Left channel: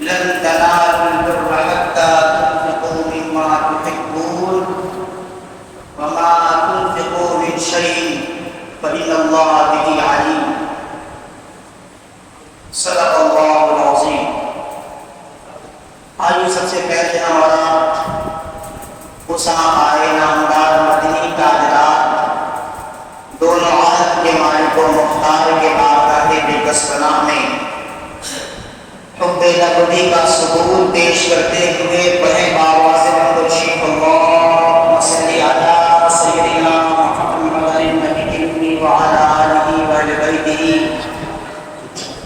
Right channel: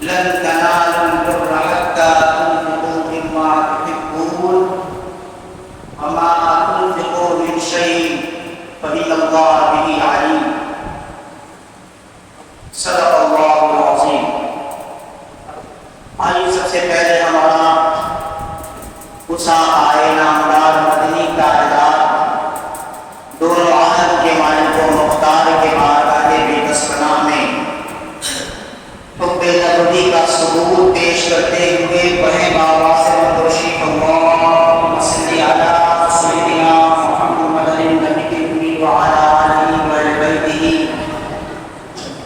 لن تنالوا البر حتى تنفقوا مما تحبون وما تنفقوا من شيء فإن الله به عليم صدق اللہ العظیم۔ آئیے سب سے پہلے ہمارا آئے نامدار مدنی تاجدار دونوں عالم کے مالک و مختار کے بارگاہ بے کسنا میں حب الہی کا ثبوت پیش کرتے ہوئے بڑے بابا سے مدرشی اللہم صلی علی سیدنا محمد النبی الامی وعلی آلہ وبیتہ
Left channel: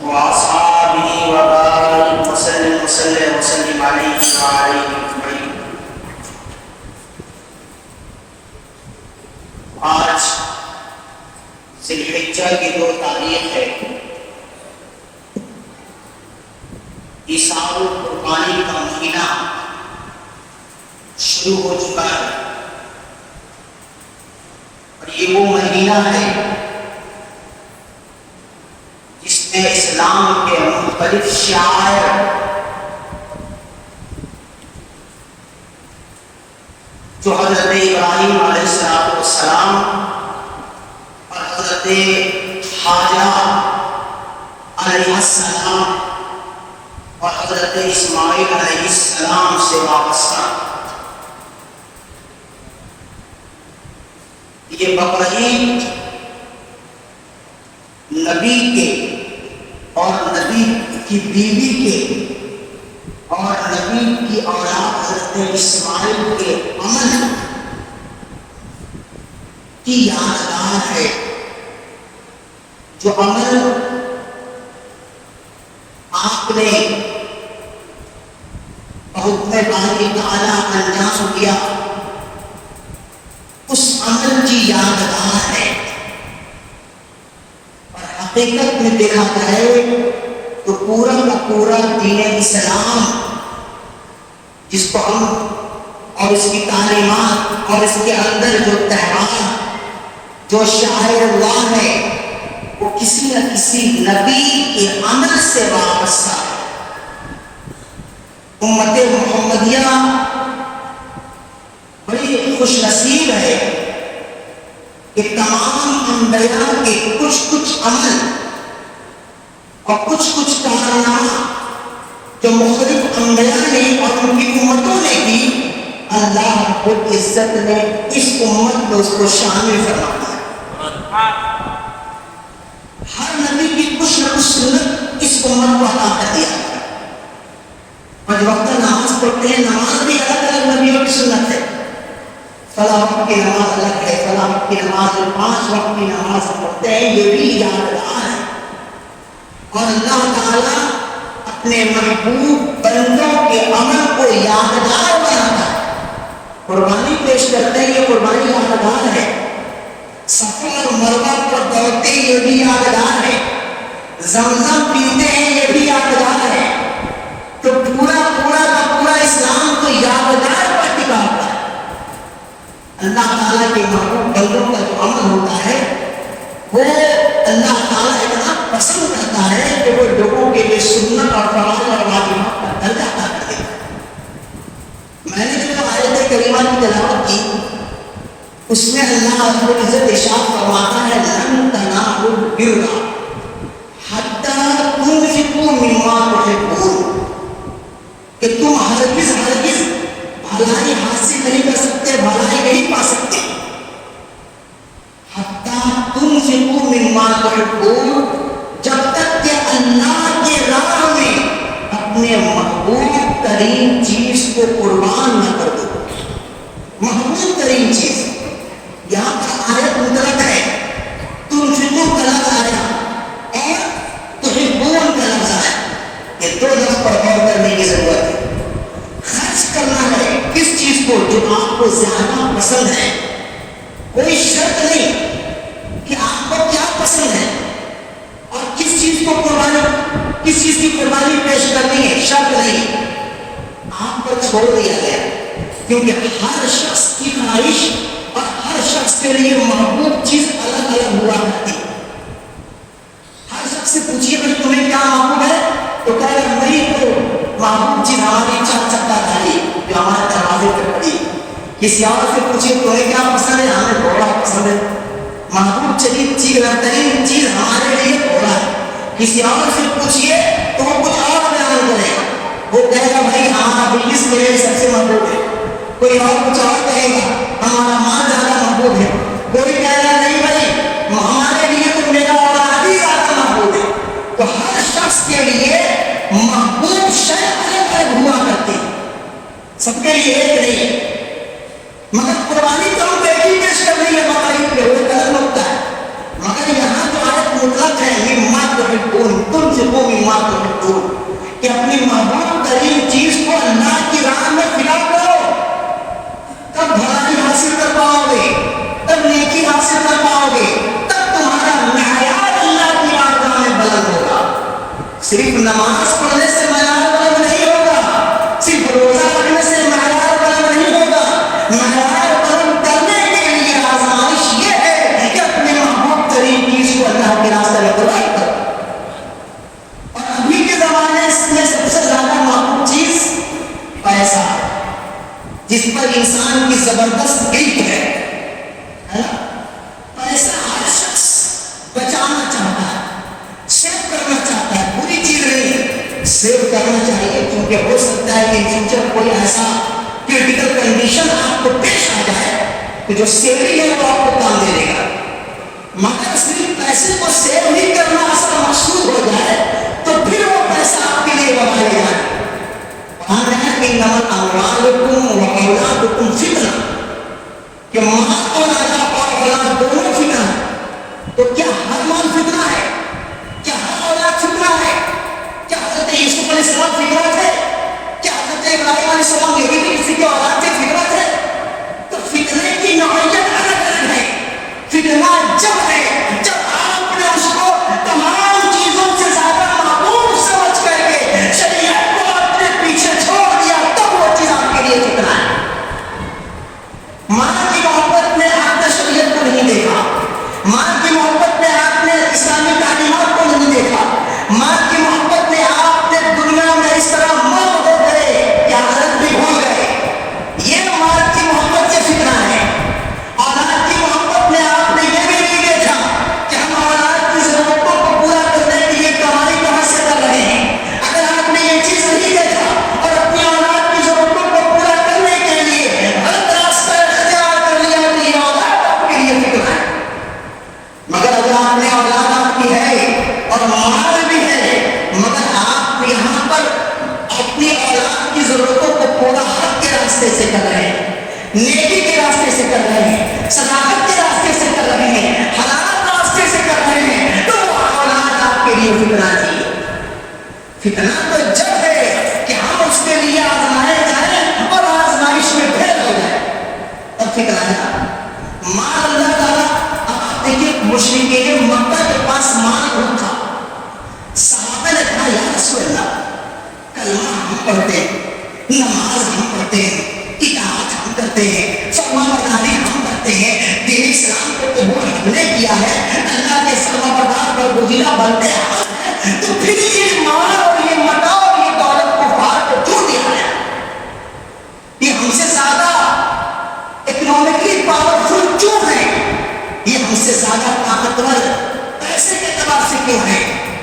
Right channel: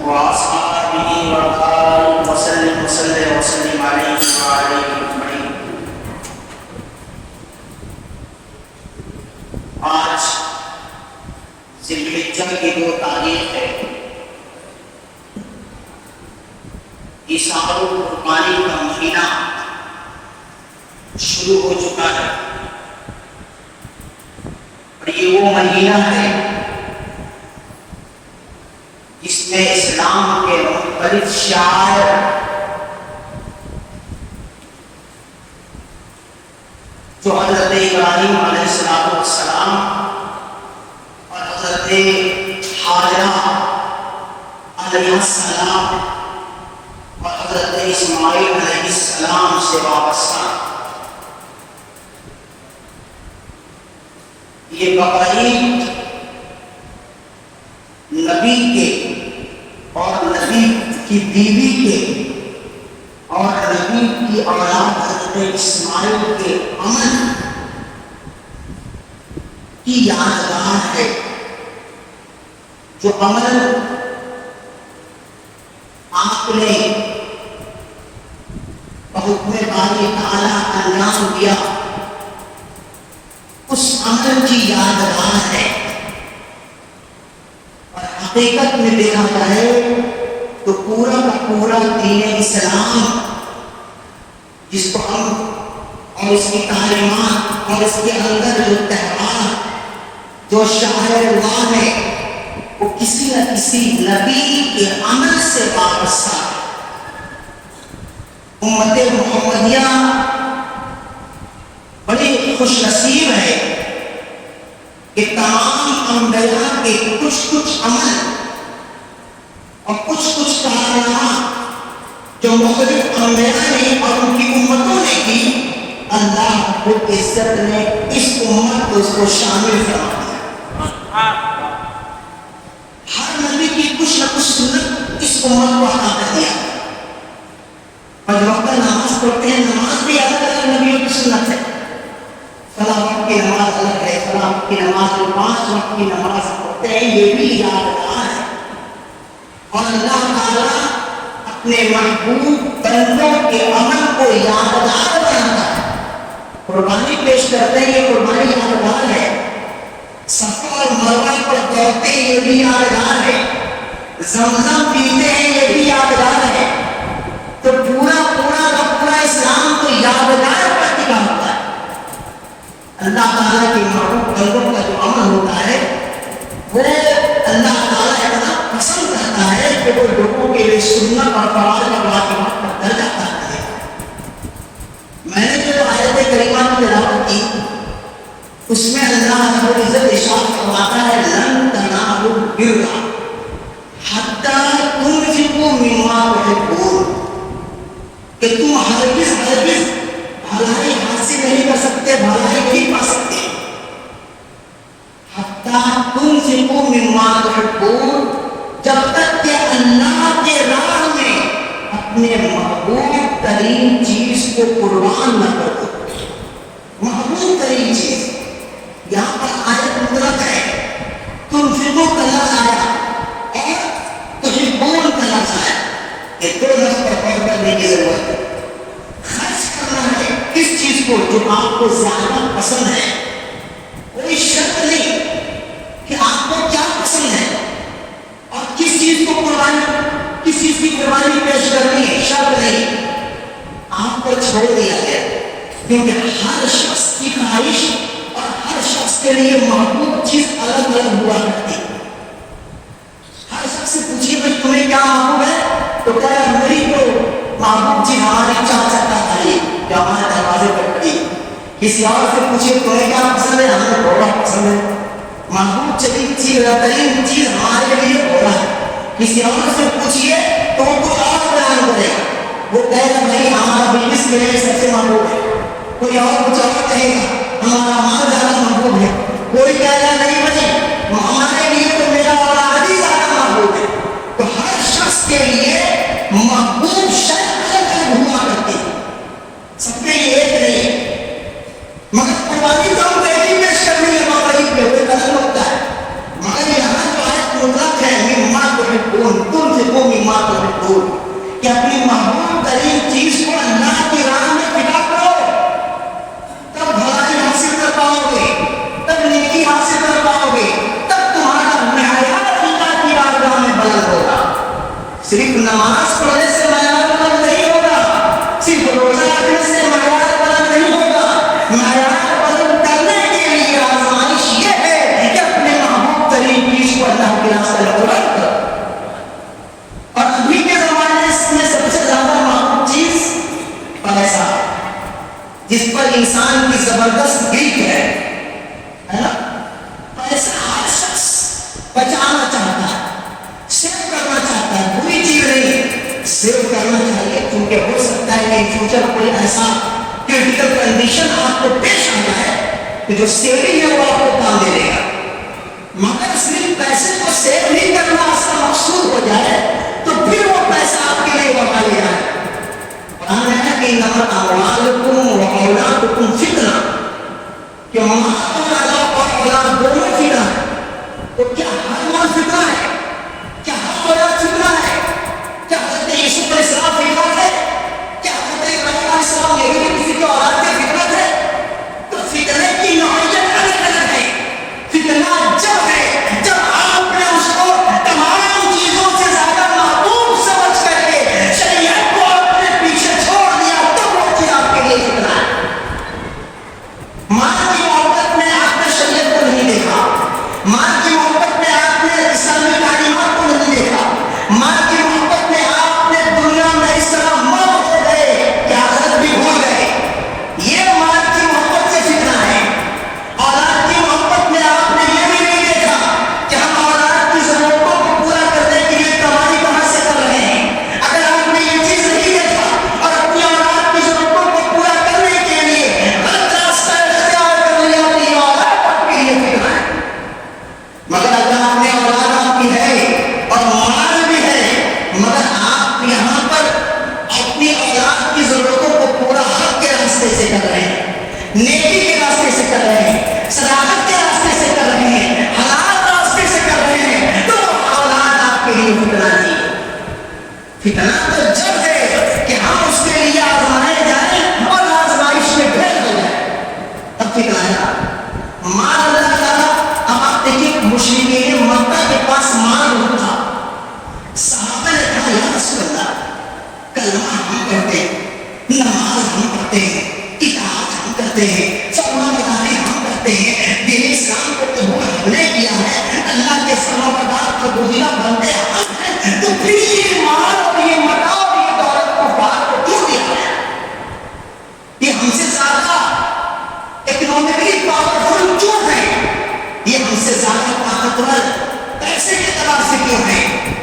واصحابہ وبارک وسلم وسلم علیہ وعلیہ اجمعین۔ آج ذی الحجہ کی جو تاریخ ہے، عیسار القربانی کا مہینہ شروع ہو چکا ہے، اور یہ وہ مہینہ ہے جس میں اسلام کے مختلف شعائر جو حضرت ابراہیم علیہ السلام اور حضرت حاجرہ علیہ السلام اور حضرت اسماعیل علیہ السلام سے وابستہ یہ بقرعید نبی کے اور نبی کی بیوی کے اور نبی کی اولاد حضرت اسماعیل کے عمل کی یادگار ہے، جو عمل آپ نے حکم باری تعالیٰ انجام دیا، اس عمل کی یادگار ہے۔ اور حقیقت میں دیکھا جائے تو پورا کا پورا دین اسلام جس کو ہم اور اس کی تعلیمات اور اس کے اندر جو تہوار جو شعائر اللہ ہے وہ کسی نہ کسی نبی کے عمل سے وابستہ۔ امت محمدیہ بڑی خوش نصیب ہے کہ تمام انبیاء کے کچھ عمل اور کچھ کارنامہ جو مختلف انبیاء نے اور ان کی امتوں نے کی، اللہ رب العزت نے اس امت کو اس کو شامل فرما دیا۔ ہر نبی کی کچھ نہ کچھ سنت اس امت کو عطا کر دیا۔ پانچ وقت نماز پڑھتے ہیں، نماز بھی الگ الگ نبیوں کی سنت ہے۔ فلاں وقت کی نماز الگ ہے، فلاں وقت کی نماز، 5 وقت کی نماز پڑھتے ہیں، یہ بھی یادگار ہے۔ اور اللہ تعالیٰ اپنے محبوب بندوں کے عمل کو یادگار بناتا ہے۔ قربانی پیش کرتے ہیں، یہ قربانی یادگار ہے۔ صفا اور مروہ پر دوڑتے ہیں، یہ بھی یادگار ہے۔ زمزم پیتے ہیں، یہ بھی یادگار ہے۔ تو پورا اسلام تو یادگار پر ٹکا ہوتا ہے۔ اللہ تعالیٰ کے محبوب بندوں کا جو عمل ہوتا ہے وہ اللہ تعالیٰ اتنا پسند کرتا ہے کہ وہ لوگوں کے لیے سنت اور فرائض اور واجبات کا درجہ عطا کر دیتا ہے۔ میں نے جو آیت کریمہ کی تلاوت کی اس میں اللہ رب العزت ارشاد فرماتا ہے لن تنالوا البر حتی تنفقوا مما تحبون، کہ تم ہرگز بھلائی حاصل نہیں کر سکتے، بھلائی نہیں پا سکتے۔ حتی تنفقوا مما تحبون، جب تک کہ اللہ کے راہ میں اپنے محبوب ترین چیز کو قربان نہ کر دو۔ محبوب ترین چیز یہاں پر آیت مطلق ہے، تنفقوا کا لفظ آیا اور تحبون کا لفظ آیا، یہ دو لفظ پر غور کرنے کی ضرورت ہے۔ خرچ کرنا ہے کس چیز کو جو آپ کو زیادہ پسند ہے، کوئی شرط نہیں کہ آپ کو کیا پسند ہے اور کس چیز کی قربانی پیش کرنی ہے، شرط نہیں، آپ کو چھوڑ دیا گیا، کیونکہ ہر شخص کی خواہش اور ہر شخص کے لیے محبوب چیز الگ الگ ہوا کرتی۔ ہر شخص سے پوچھیے بھائی تمہیں کیا محبوب ہے، تو کہہ رہا میری تو کسی اور سے پوچھے تمہیں کیا پسند ہے؟ ہمیں گھوڑا پسند ہے. محبوب ترین چیز ہمارے لیے گھوڑا ہے. کسی اور سے پوچھیے تو وہ کچھ اور بیان کرے گا. وہ کہے گا بھائی ہمارا بزنس میرے لیے سب سے محبوب ہے. کوئی اور کچھ اور کہے گا ہمارا مال زیادہ محبوب ہے. کوئی کہے گا نہیں بھائی ہمارے لیے تو میرا اولاد ہی زیادہ محبوب ہے. تو ہر شخص کے لیے محبوب شے الگ الگ ہوا کرتی ہے, سب کے لیے ایک نہیں ہے. مگر قربانی تو ہم بیٹی پیش کرنے میں بقرعید پہ وہ غلط ہوتا ہے. مگر یہاں جو آیت مطلق ہے مما تحبون تنفقوا مما تحبون, کہ اپنی محبوب ترین چیز کو اللہ کی راہ میں فدا کرو, تب بھلائی حاصل کر پاؤ گے, تب نیکی حاصل کر پاؤ گے, تب تمہارا معیار اللہ کی بارگاہ میں بلند ہوگا. صرف نماز پڑھنے سے معیار بلند نہیں ہوگا, صرف روزہ رکھنے سے معیار بلند نہیں ہوگا. معیار بلند کرنے کے لیے آزمائش یہ ہے کہ اپنے محبوب ترین چیز کو اللہ کے راستے میں قربان کرو. اور ابھی کے زمانے میں سب سے زیادہ محبوب چیز پیسہ ہے, جس پر انسان کی زبردست گرفت ہے نا. پیسہ ہر شخص بچانا چاہتا ہے, سیو کرنا چاہتا ہے. بری چیز نہیں ہے, سیو کرنا چاہیے, کیونکہ ہو سکتا ہے کہ ان فیوچر کوئی ایسا کریٹیکل کنڈیشن آپ کو پیش آ جائے کہ جو سیونگ ہے وہ آپ کو کام دے دے گا. مگر صرف پیسے کو سیو ہی کرنا اصل مقصود ہو جائے تو پھر وہ پیسہ آپ کے لیے وبال جائے. کہنا ہے کہ انما اموالکم و اولادکم فتنہ, کہ مال اور اولاد دونوں فتنہ ہے. تو کیا ہر مال فتنہ ہے؟ کیا ہر اولاد فتنہ ہے؟ کیا حضرت یوسف علیہ السلام فتنہ تھے؟ کیا حضرت ابراہیم علیہ السلام یہ بھی کسی کے اولاد کے فتنہ تھے؟ تو فتنے کی نوعیت الگ الگ ہے. فتنہ جب ہے جب آپ نے اس کو تمام چیزوں سے زیادہ محبوب سمجھ کر کے شریعت کو اپنے پیچھے چھوڑ دیا, تب وہ چیز آپ کے لیے فتنہ ہے. مال کی محبت میں آپ نے شریعت کو نہیں دیکھا, مال کی محبت میں آپ نے اسلامی تعلیمات کو نہیں دیکھا, مال کی محبت میں آپ نے دنیا میں اس طرح مت ہو گئے کہ آخرت بھی بھول گئے. یہ مال کی محبت سے فتنہ ہے. اولاد کی محبت میں آپ نے یہ بھی نہیں دیکھا کہ ہم اولاد کی ضرورتوں کو پورا کرنے کے لیے کمائی کہاں سے کر رہے ہیں. اگر آپ نے یہ چیز نہیں دیکھا اور اپنی اولاد کی ضرورتوں کو پورا کرنے کے لیے غلط راستہ اختیار کر لیا تو یہ اولاد آپ کے لیے فتنہ ہے. مگر اگر آپ نے اولاد آپ کی ہے اور مال بھی ہے, مگر آپ یہاں پر اپنی اولاد کی ضرورتوں کو پورا حق کے راستے سے کر رہے ہیں, نیکی کے راستے سے کر رہے ہیں, صداقت کے راستے سے کر رہے ہیں, حلال راستے سے کر رہے ہیں, تو وہ اولاد آپ کے لیے فتنہ تھی. فتنہ تو جب ہے کہ ہم اس کے لیے آزمائے جائیں اور آزمائش میں پھیل ہو جائیں, تب فتنہ ہے. مال اللہ تعالیٰ, اب آپ دیکھیے مشرکین مکہ کے پاس مال بہت تھا. صحابہ نے کہا یا رسول اللہ, کلمہ ہم پڑھتے ہیں, نماز ہم پڑھتے ہیں, اطاعت ہم کرتے ہیں, فرمانبرداری ہم کرتے ہیں, دین اسلام کو قبول ہم نے کیا ہے, اللہ کے فرمانبردار پر گزیرہ بنتے ہیں, تو پھر یہ مال اور یہ متاع اور یہ دولت کو باہر کو کیوں دیا ہے؟ یہ ہم سے زیادہ اکنامکلی پاورفل کیوں ہے؟ یہ ہم سے زیادہ طاقتور پیسے کے اعتبار سے کیوں ہے؟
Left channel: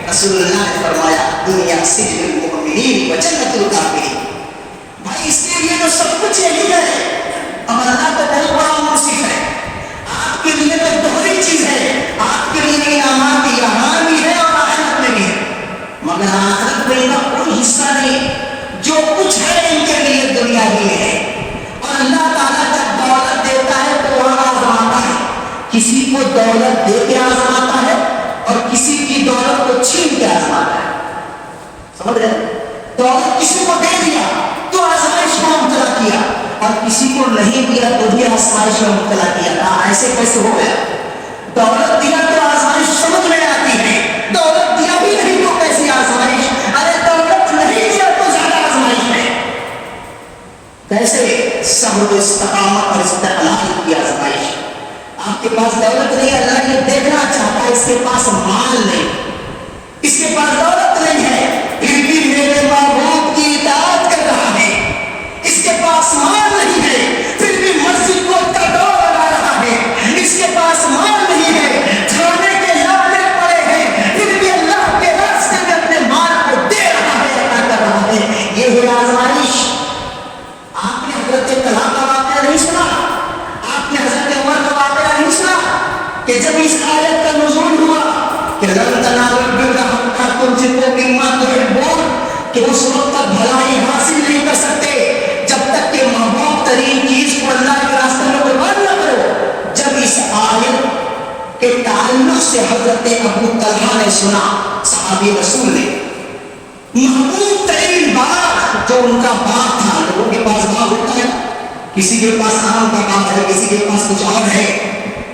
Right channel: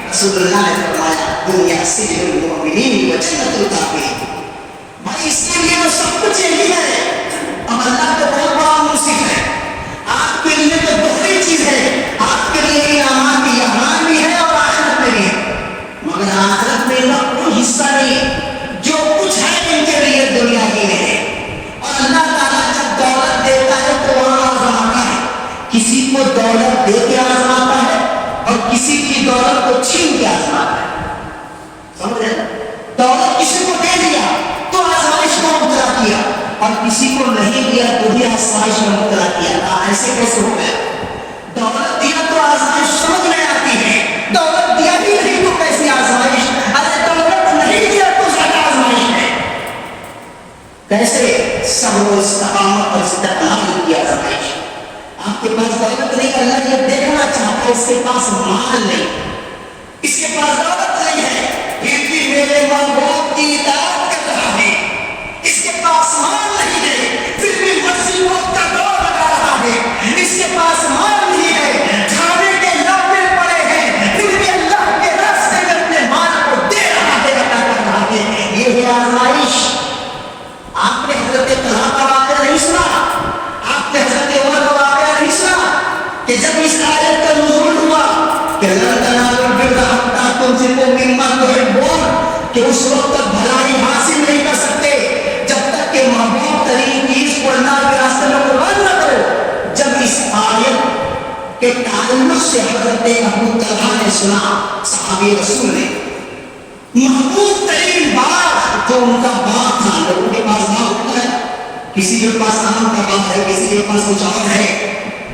رسول اللہ نے فرمایا دنیا سجن المؤمنین و جنت الکافرین. بھائی اس کے لیے تو سب کچھ یہی ہے, اور اللہ تو بہت بڑا منصف ہے. آپ کے لیے تو دوہری چیز ہے, آپ کے لیے انعامات یہاں بھی ہے اور آخرت میں بھی ہے, مگر آخرت میں ان کا کوئی حصہ نہیں. جو کچھ ہے ان کے لیے دنیا ہی میں ہے. اور اللہ تعالیٰ جب دولت دیتا ہے تو وہاں آزماتا ہے, کسی کو دولت دے کے آزماتا ہے اور کسی کی دولت کو چھین کے آزماتا ہے. سمجھ رہے ہیں؟ دولت کسی کو دے دیا تو آزمائش میں مبتلا کیا, اور کسی کو نہیں دیا تو بھی آزمائش میں مبتلا کیا. ایسے کیسے ہو گیا؟ دولت دیا تو آزمائش سمجھ میں آتی ہے, دولت دیا بھی نہیں تو کیسی آزمائش؟ ارے دولت نہیں دیا تو زیادہ آزمائش ہے. کیسے؟ صبر و استقامت اور استقلال کی آزمائش. آپ کے پاس دولت نہیں, اللہ یہ دیکھنا چاہتا ہے اس کے پاس مال نہیں, اس کے پاس دولت نہیں ہے, پھر بھی میرے محبوب کی اطاعت کر رہا ہے. اس کے پاس مال نہیں ہے, پھر بھی یہ ہے آزمائش. آپ نے حضرت طلحہ کا واقعہ نہیں سنا, آپ نے حضرت عمر کا واقعہ نہیں سنا کہ جب اس آیت کا نزول ہوا کہ لن تنالوا البر حتى تنفقوا مما تحبون, کہ اس وقت تک بھلائی حاصل نہیں کر سکتے جب تک کہ محبوب ترین چیز کو اللہ کے راستے میں قربان نہ کرو. جب اس آیت کے تعلق سے حضرت ابو طلحہ نے سنا, صحابی رسول نے, محبوب ترین باغ جو ان کا باغ تھا, لوگوں کے پاس باغ ہوتا ہے, کسی کے پاس آم کا باغ ہے, کسی کے پاس کچھ اور ہے,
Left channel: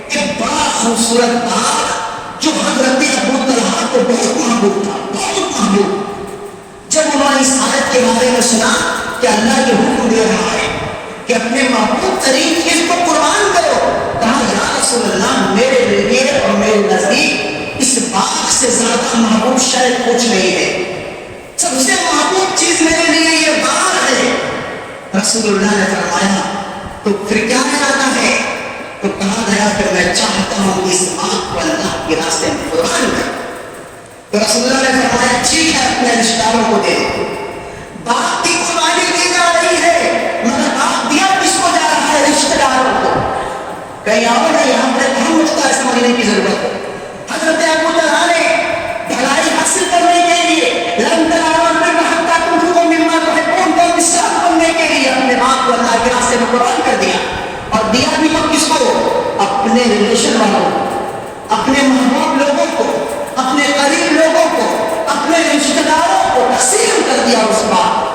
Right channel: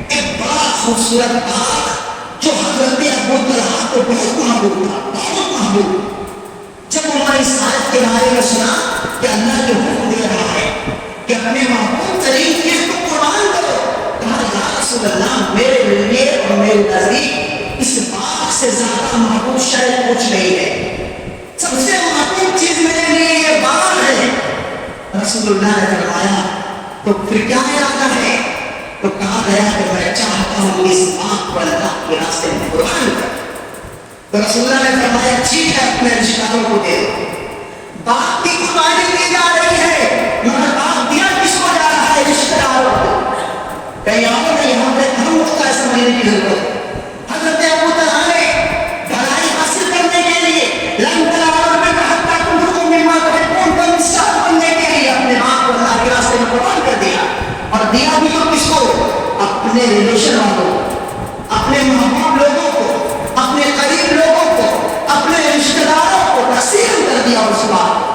ایک بڑا خوبصورت باغ جو حضرت ابو طلحہ کو بہت محبوب تھا, بہت محبوب. جب انہوں نے اس آیت کے بارے میں سنا کہ اللہ یہ حکم دے رہا ہے کہ اپنے محبوب ترین چیز کو قربان کرو, کہا یا رسول اللہ میرے لیے اور میرے نزدیک اس باغ سے زیادہ محبوب شاید کچھ نہیں ہے, سب سے محبوب چیز میرے لیے یہ باغ ہے. رسول اللہ نے فرمایا تو پھر کیا ارادہ ہے؟ تو کہا گیا کہ میں چاہتا ہوں اس باغ کو اللہ کے راستے میں قربان کر. تو رسول اللہ نے فرمایا ٹھیک ہے, اپنے رشتہ داروں کو دے دو. باغ کی قربانی دی جا رہی ہے, مگر باغ دیا کس کو جا رہا ہے؟ رشتہ داروں کو. کہیں اور نہیں, ہم اس کا سمجھنے کی ضرورت ہے. حضرت ابو طلحہ نے بھلائی حاصل کرنے کے لیے, لن تنالوا البر حتى تنفقوا مما تحبون, کا مثال بننے کے لیے اپنے باغ کو اللہ کے راستے میں قربان کر دیا. اور دیا بھی تو کس کو؟ اپنے ریلیشن والوں, اپنے محبوب لوگوں کو, اپنے قریب لوگوں کو, اپنے رشتہ داروں کو تقسیم کر دیا اس بات.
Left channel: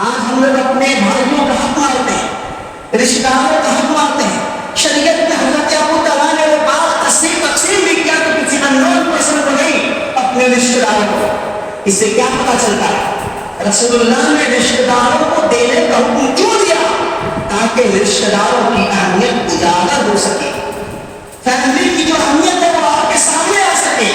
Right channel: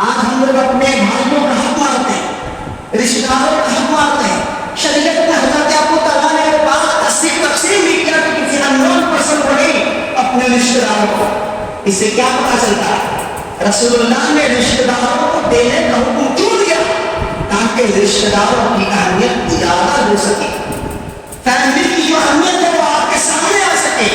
آج ہم لوگ اپنے بھائیوں کا حق مارتے ہیں, رشتہ داروں کا حق مارتے ہیں. شریعت میں حضرت ابو طلحہ نے وہ بات تقسیم بھی کیا تو کسی اننون پرسن کو نہیں, اپنے رشتہ داروں کو. اس سے کیا پتا چلتا ہے؟ رسول اللہ نے رشتہ داروں کو دینے کا حکم کیوں دیا؟ تاکہ رشتہ داروں کی اہمیت اجاگر ہو سکے, فیملی کی جو اہمیت ہے وہ آپ کے سامنے آ سکے.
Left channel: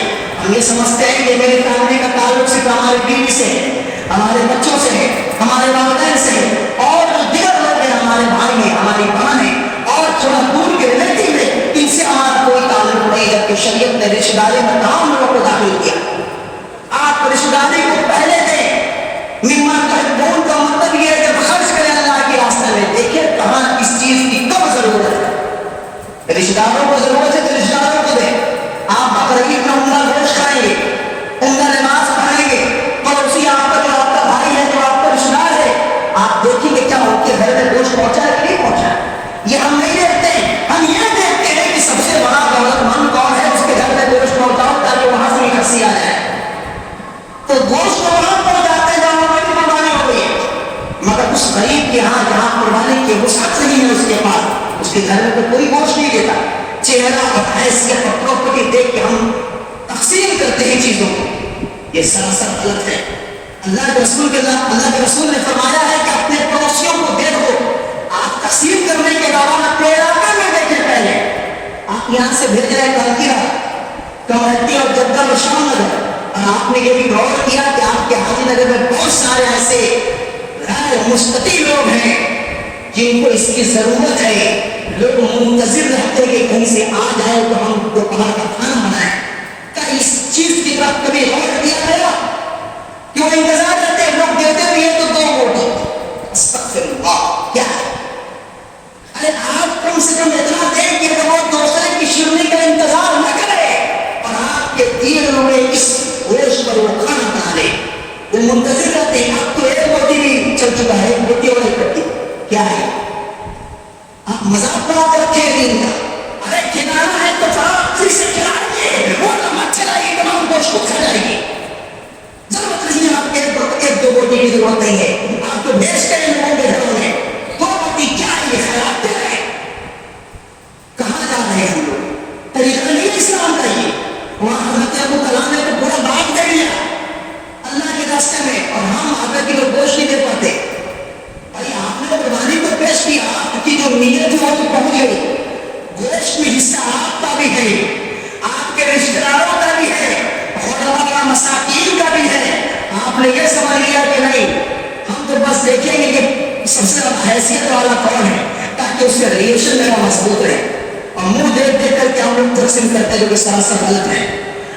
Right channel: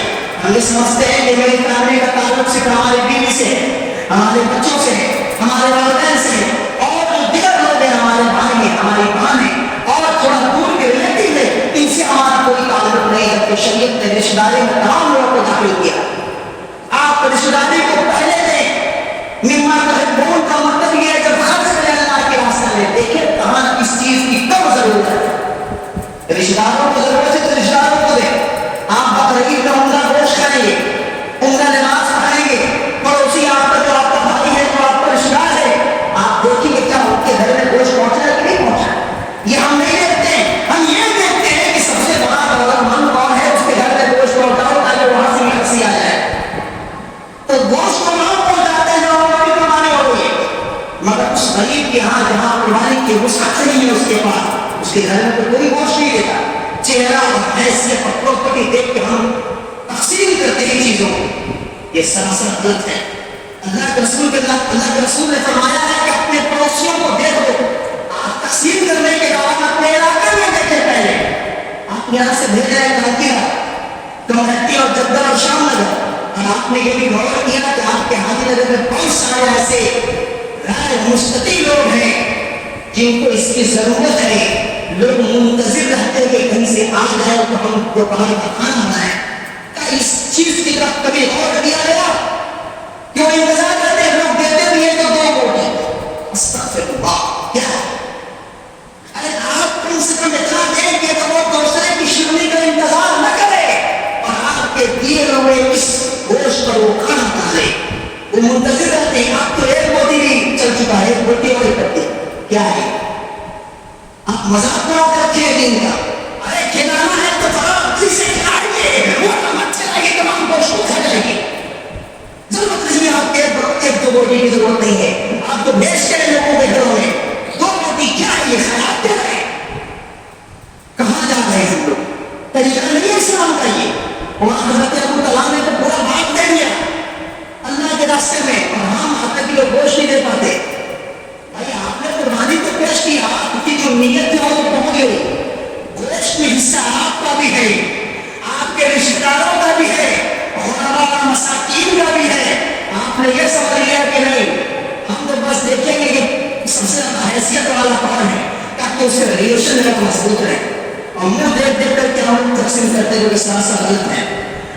ہم یہ سمجھتے ہیں کہ میری فیملی کا تعلق صرف ہمارے بیوی سے ہے, ہمارے بچوں سے ہے, ہمارے والدین سے ہے, اور جو دیگر لوگ ہیں, ہمارے بھائی ہیں, ہماری بہن ہیں, اور تھوڑا دور کے ریلیٹیو ہے, ان سے ہمارا کوئی تعلق نہیں. جبکہ شریعت نے رشتہ داری میں تمام لوگوں کو داخل کیا. آپ رشتہ داری کو پہلے دیں. مما تحبون کا مطلب یہ ہے جب خرچ کریں اللہ کے راستے میں, دیکھیں کہاں اس چیز کی کب ضرورت ہے. رشتہ داروں کو ضرورت ہے تو رشتہ داروں کو دیں. آپ بقرعید میں عمرہ گوشت کھائیں گے, عمرہ نماز پڑھائیں گے, پڑوسی آپ کا جو آپ کا بھائی ہے, جو آپ کا رشتہ دار ہے, آپ دیکھیں گے کیا آپ کے گھر میں گوشت پہنچا ہے کہ نہیں پہنچا. یہ ہم نہیں دیکھتے ہیں, ہم یہ دیکھتے ہیں کہ سب سے بڑا دولت مند کون ہے, اس کے گھر میں گوشت پہنچاؤ تاکہ وہاں سے ہنسی آ جائے. تو گوشت کو وہاں پہنچاتے ہیں جہاں ہماری قربانی ہو رہی ہے, مگر اس غریب کے ہاں جہاں قربانی کی وسعت نہیں ہے اس کے پاس, اس کے گھر میں تو کوئی گوشت نہیں دیتا. چہرہ اور حیثیت اور پراپرٹی دیکھ کے ہم تقسیم کرتے ہیں چیزوں کو, یہ سراسر غلط ہے. اللہ کے رسول نے فرمایا ہے کہ اپنے پڑوسیوں کو دیکھو. آپ تقسیم کرنے کے دوران اپنے علاقے میں دیکھیں پہلے. آپ یہاں سے بھیج رہے کانتیرا, کمرٹی اور جدہ اور شام نگر, اور آپ نے یہ بھی غور کیا کہ آپ کے حاجی نگر میں بہت سارے ایسے غیر مستطیع لوگ ہیں جن کو اس کی ضرورت ہے. لوگ منتظر رہتے ہیں کہ کہیں سے آ جائے تو ہم دوپہر کا کھانا بنائیں. کیا اس چیز کی طرف کبھی غور کیا گیا کہ وہ انتظار کرتے ہیں, لوگ دیتے بھی ہیں تو دو روٹی. استغفر اللہ, کیا ارے آپ کم سے کم اتنا دیں کہ وہ دوسرے کی شرمی کا انتظار نہ کرے اور آپ کے دیے ہوئے اس گوشت پر وہ کھانا بنا لے. وہ منتظر رہتے ہیں. اب تو ایک روٹی بھی چل چکا ہے, ایک روٹی اور ایک روٹی کیا ہے. آپ مذاق بنا کے رکھے ہیں دین کا. ارے کھلانا ہے تو فراغ سے کھلائیں گے, وہ مت چلائے گی, تمام گوشت کو کھا جائے گی. ضرورت نہیں ہے, آپ کے ایک دو روٹی کی ضرورت نہیں ہے. آپ تو بیچتے ہیں لوگوں کے گھروں میں, دو روٹی کیا یہ خیرات دے رہے ہیں. کہاں جا رہے ہیں ہم لوگ؟ طریقہ نہیں ہے اسلام کا یہ. وہاں حضرت ابو طلحہ نے تو پورا باغ دے دیا اللہ کے راستے میں, اور ہم آدھا کلو گوشت نہیں دے پاتے. بھائی آپ نے قربانی تو پیش کی, آپ کی جو نیت تھی وہ تو پہنچ گئی. گوشت میں حصہ آپ کا بھی ہے, آپ کے رشتہ داروں کا بھی ہے, اور مساکین کا بھی ہے. آپ نے یہ سوال لیا کہ نہیں, ہم تو بس دیکھیں گے کہ سب سے زیادہ حیثیت والا کون ہے تاکہ اس کا ریلیشن میرا مضبوط رہے. اور منہ دیکھ دیکھ کر کے ہم لوگ تقسیم کرتے جو کہ سراسر غلط ہے.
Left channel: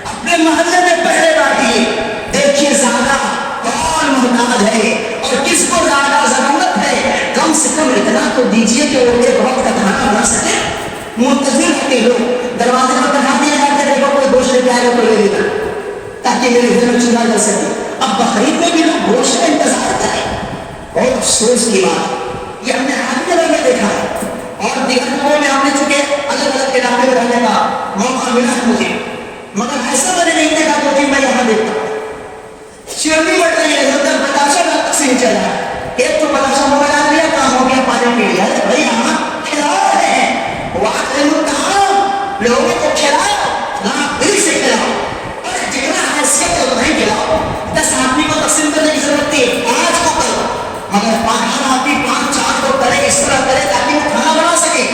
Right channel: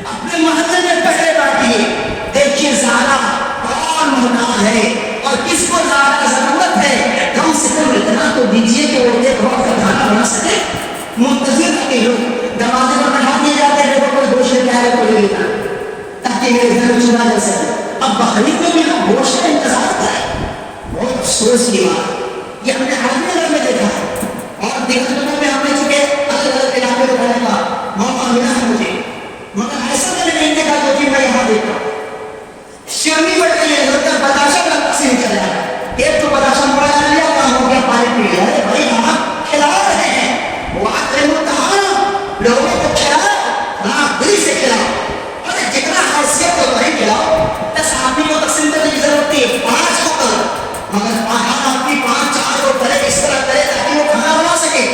اپنے محلے میں پہلے بانٹیے, دیکھیے زیادہ کون محتاج ہے اور کس کو زیادہ ضرورت ہے کم سے کم اتنا تو دیجیے کہ وہ ایک وقت کا کھانا بنا سکے. منتظر رہتے لوگ دروازے پر بٹھا دیا جاتا ہے دیکھو کوئی گوشت لے کے آ رہا ہے تو لے لینا تاکہ میرے گھر میں چولہا جل سکے. اب بقرعید میں بھی لوگ گوشت کا انتظار کریں. بہت افسوس کی بات یہ ہم نے حاضر نگر میں دیکھا ہے اور دیہاتوں میں ہم نے چونکہ الگ الگ علاقے میں رہنے کا موقع ملا ہے مجھے مگر ایسا میں نے نہیں دیکھا جو کہ میں یہاں دیکھتا ہوں. شرمی بڑھ رہی ہے ادھر بتاشا کا تقسیم چل رہا ہے. ایک تو بتاشا موڑا ڈال لیا کام ہو گیا پانی پی لیا. بھائی ہم کھلا رہے ہیں لوگوں کو کھلاؤ نہ دل سے کھلاؤ اور جتنا حیثیت ہے اتنا ہی کھلاؤ. 10 آدمی کو تقسیم کرنے کی ضرورت ہے 5 کو کرو مگر ہر آدمی 5-4 کو کرے اس طرح کرے تاکہ وہ کھانا بنا سکے.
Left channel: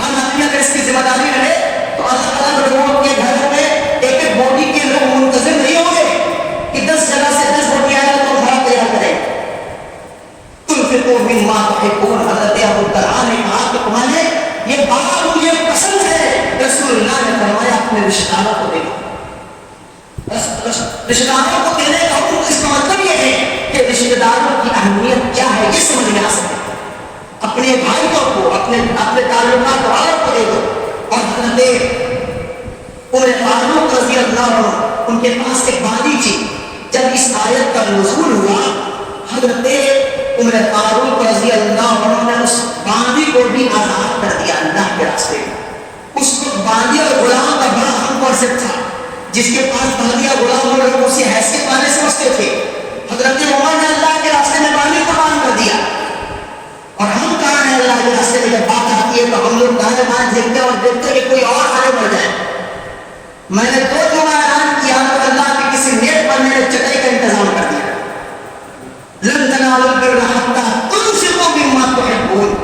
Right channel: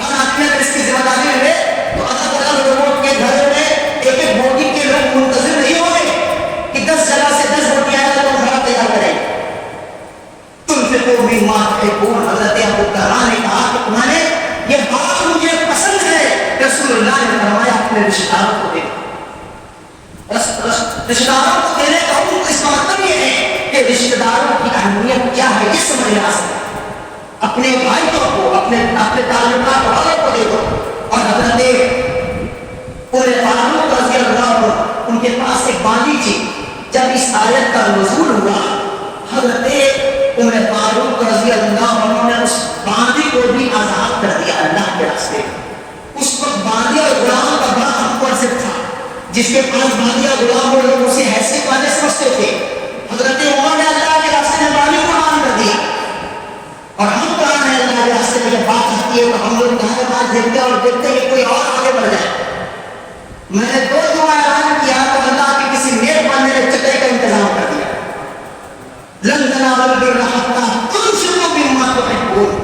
ہر آدمی اگر اس کی ذمہ داری لے تو الگ الگ لوگوں کے گھر میں ایک ایک بوٹی کے لوگ منتظر نہیں ہوں گے کہ 10 جگہ سے 10 بوٹی آئے تو کھانا تیار کرے. تم پھر تو بھی ماں ہے کون حضرت ابو طلحہ نے کہا کہ تمہارے یہ بات مجھے پسند ہے. رسول اللہ نے فرمایا اپنے رشتہ داروں کو دیکھو. رشتہ داروں کو دینے کا حکم اس کا مطلب یہ ہے کہ رشتہ داروں کی اہمیت کیا ہے یہ سمجھ میں آ سکے. اپنے بھائیوں کو اپنے تعلقات والوں کو دیکھو. اور حضرت پورے فاروق رضی اللہ عنہ ان کے پاس ایک باندی تھی. جب اس آیت کا نزول ہوا حضرت عمر فاروق رضی اللہ عنہ نے اس باندی کو بھی آزاد کر دیا اللہ کے راستے میں. اس کو باندی اور غلام کا بڑا ہم کانسیپٹ تھا. جس کے پاس باندی اور غلام وہ لوگ اسے حیثیت والے سمجھتے تھے. حضرت عمر نے اللہ کے راستے میں باندی کو قربان کر دیا. اور ہم کہاں ہیں اللہ کے راستے میں جب بات آتی ہے تو ہم لوگ دائیں بائیں دیکھتے اور دیکھتے کہ کوئی اور آگے بڑھ جائے. میں نے 2 جمعہ اعلان کیا تو اللہ کے کسی نیک بندے نے چٹائی کا انتظام کر دیا. لن تنالوا البر حتى تنفقوا مما تحبون.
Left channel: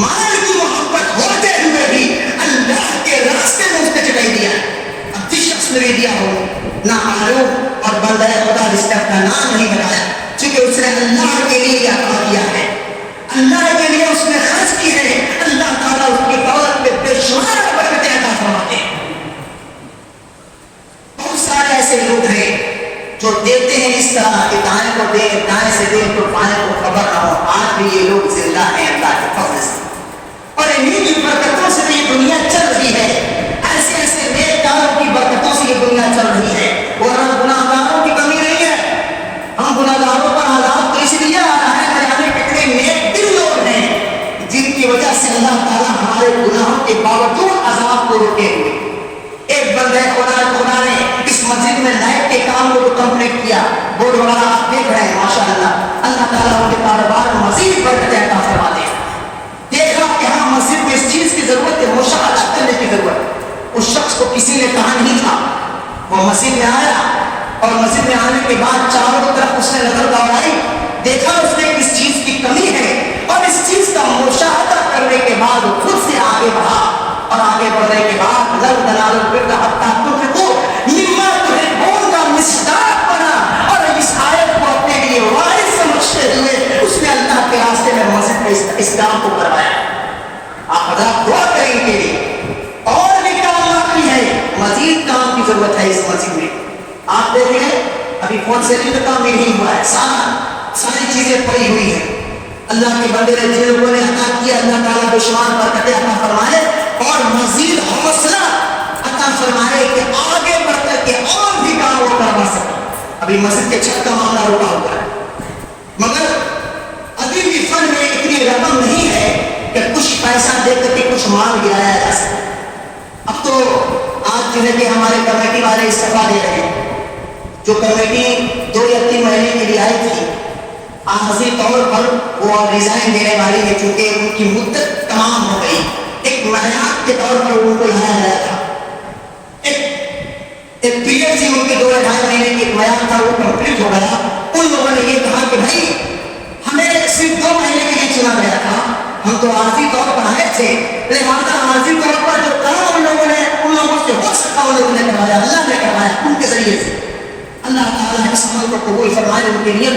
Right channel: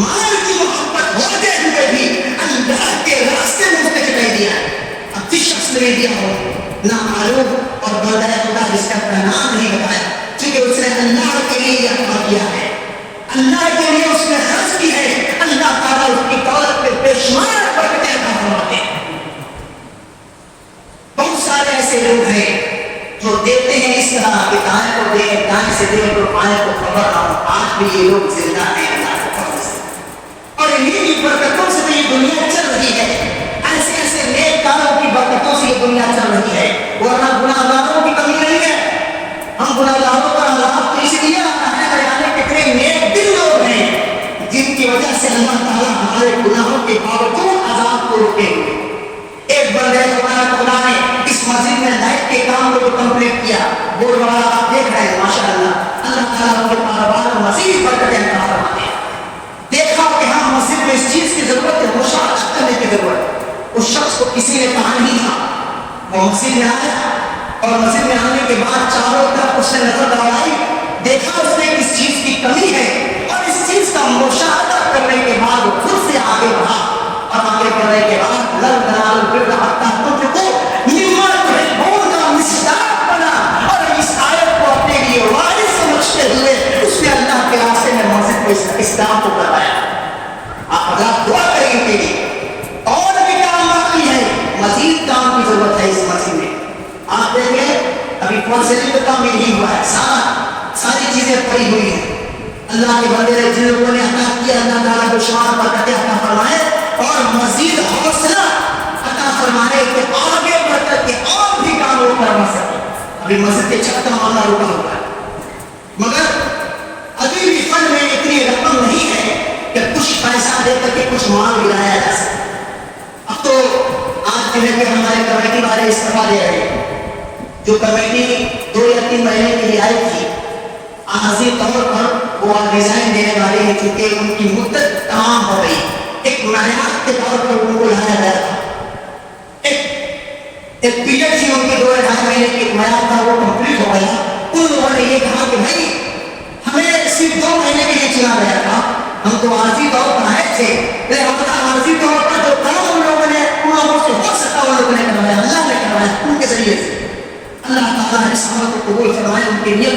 مال کی محبت ہوتے ہوئے بھی اللہ کے راستے میں اس نے چٹائی دیا. اب جس شخص نے دیا ہو نہ معروف اور بندہ خدا جس کا اپنا نام نہیں بتایا چونکہ اس نے اللہ کے لیے عطا کیا ہے اللہ کے لیے اس نے خرچ کی ہے. اللہ تعالیٰ اس کی دولت میں بے شمار برکتیں عطا فرماتے ہیں. بہت سارے ایسے لوگ ہیں جو دیتے ہیں اس طرح کہ دائیں کو دے دائیں سے دے تو بائیں کو خبر نہ ہو. آج بھی یہ لوگ زندہ ہیں اللہ کے فضل سے اور انہیں کی برکتوں سے تو یہ دنیا چل رہی ہے. ایسے ایسے نیک کاموں کی برکتوں سے یہ دنیا چل رہی ہے. ورنہ گناہ گاروں کی کمی نہیں ہے. ہم گناہ گاروں کا عذاب تو اس لیے آ رہا ہے کہ جانے کتنے نیک دل لوگ ہیں جن کی وجہ سے اللہ تعالیٰ ہمارے گناہوں کے باوجود عذاب کو روکے ہوئے. ایک بندے خدا نے اس مسجد میں لائٹ کے کام کو کمپلیٹ کیا. بورڈ وغیرہ آپ دیکھ رہے ہیں ماشاءاللہ. اللہ تعالیٰ ان کے کاروبار کو مزید برکتیں عطا فرماتے ہیں. دیکھا کہ ہاں مسجد میں اس چیز کی ضرورت ہے مشاہدہ کرنے کی ضرورت ہے. اس شخص کو کسی نے کہا نہیں تھا. وہ مسجد میں آیا اور مسجد میں آنے کے بعد چاروں طرف اس نے نظر دوڑائی. دیکھا اس میں کس چیز کی کمی ہے اور اس چیز کا مشاہدہ کرنے کے بعد وہ خود سے آگے بڑھا اور آگے بڑھنے کے بعد لن تنالوا البر حتى تنفقوا مما تحبون کا مصداق بنا اور اس آیت کو اپنے لیے وارث سمجھتے ہوئے اس نے اللہ کے راستے میں مسجد میں اس کام کو کروایا. آپ حضرات دعا کریں ان کے لیے. اور بھی کام باقی ہے مزید کام کی ضرورت ہے اس مسجد میں. آپ دیکھیں ابھی فون سیلنگ کا کام نہیں ہوا ہے. ساری چیزیں پڑی ہوئی ہیں. اللہ کے بندے نے جن لوگوں نے عطا کیا اللہ تعالیٰ بے شمار برکتیں عطا فرمائے اور مزید حوصلہ عطا فرمائے کہ آگے بڑھ کر کے اور بھی کام وہ کروا سکے. ابھی مسجد کے چھت کا معاملہ رکا ہوا ہے مگر ابھی بھی فن میں اتنی رقم نہیں ہے کہ کچھ پیسہ دے کر کے کچھ مال گرایا جا سکے. اب تو آج جو ہے کہ ہمارے کمیٹی والے استعفا دے رہے ہیں. جو کمیٹی 2 یا 3 مہینے کے لیے آئی تھی عارضی طور پر وہ ریزائن دینے والی ہے چونکہ ان کی مدت تمام ہو گئی. ایک معیار کے طور پر ان کو لایا گیا تھا. ایک پیریڈ تھی ان کے 2-2.5 مہینے کی ایک معیار تھا وہ کمپلیٹ ہو گیا. ان لوگوں نے یہ کہا کہ بھائی ہمیں صرف 2 مہینے کے لیے چنا گیا تھا. ہم تو عارضی طور پر آئے تھے لہٰذا عارضی طور پر جو کام ان لوگوں نے ان لوگوں سے ہو سکتا ان لوگوں نے کروایا. اللہ نے کروایا ان کے ذریعے سے. اللہ تعالیٰ اس عمل کو قبول فرمائے ان کے لیے.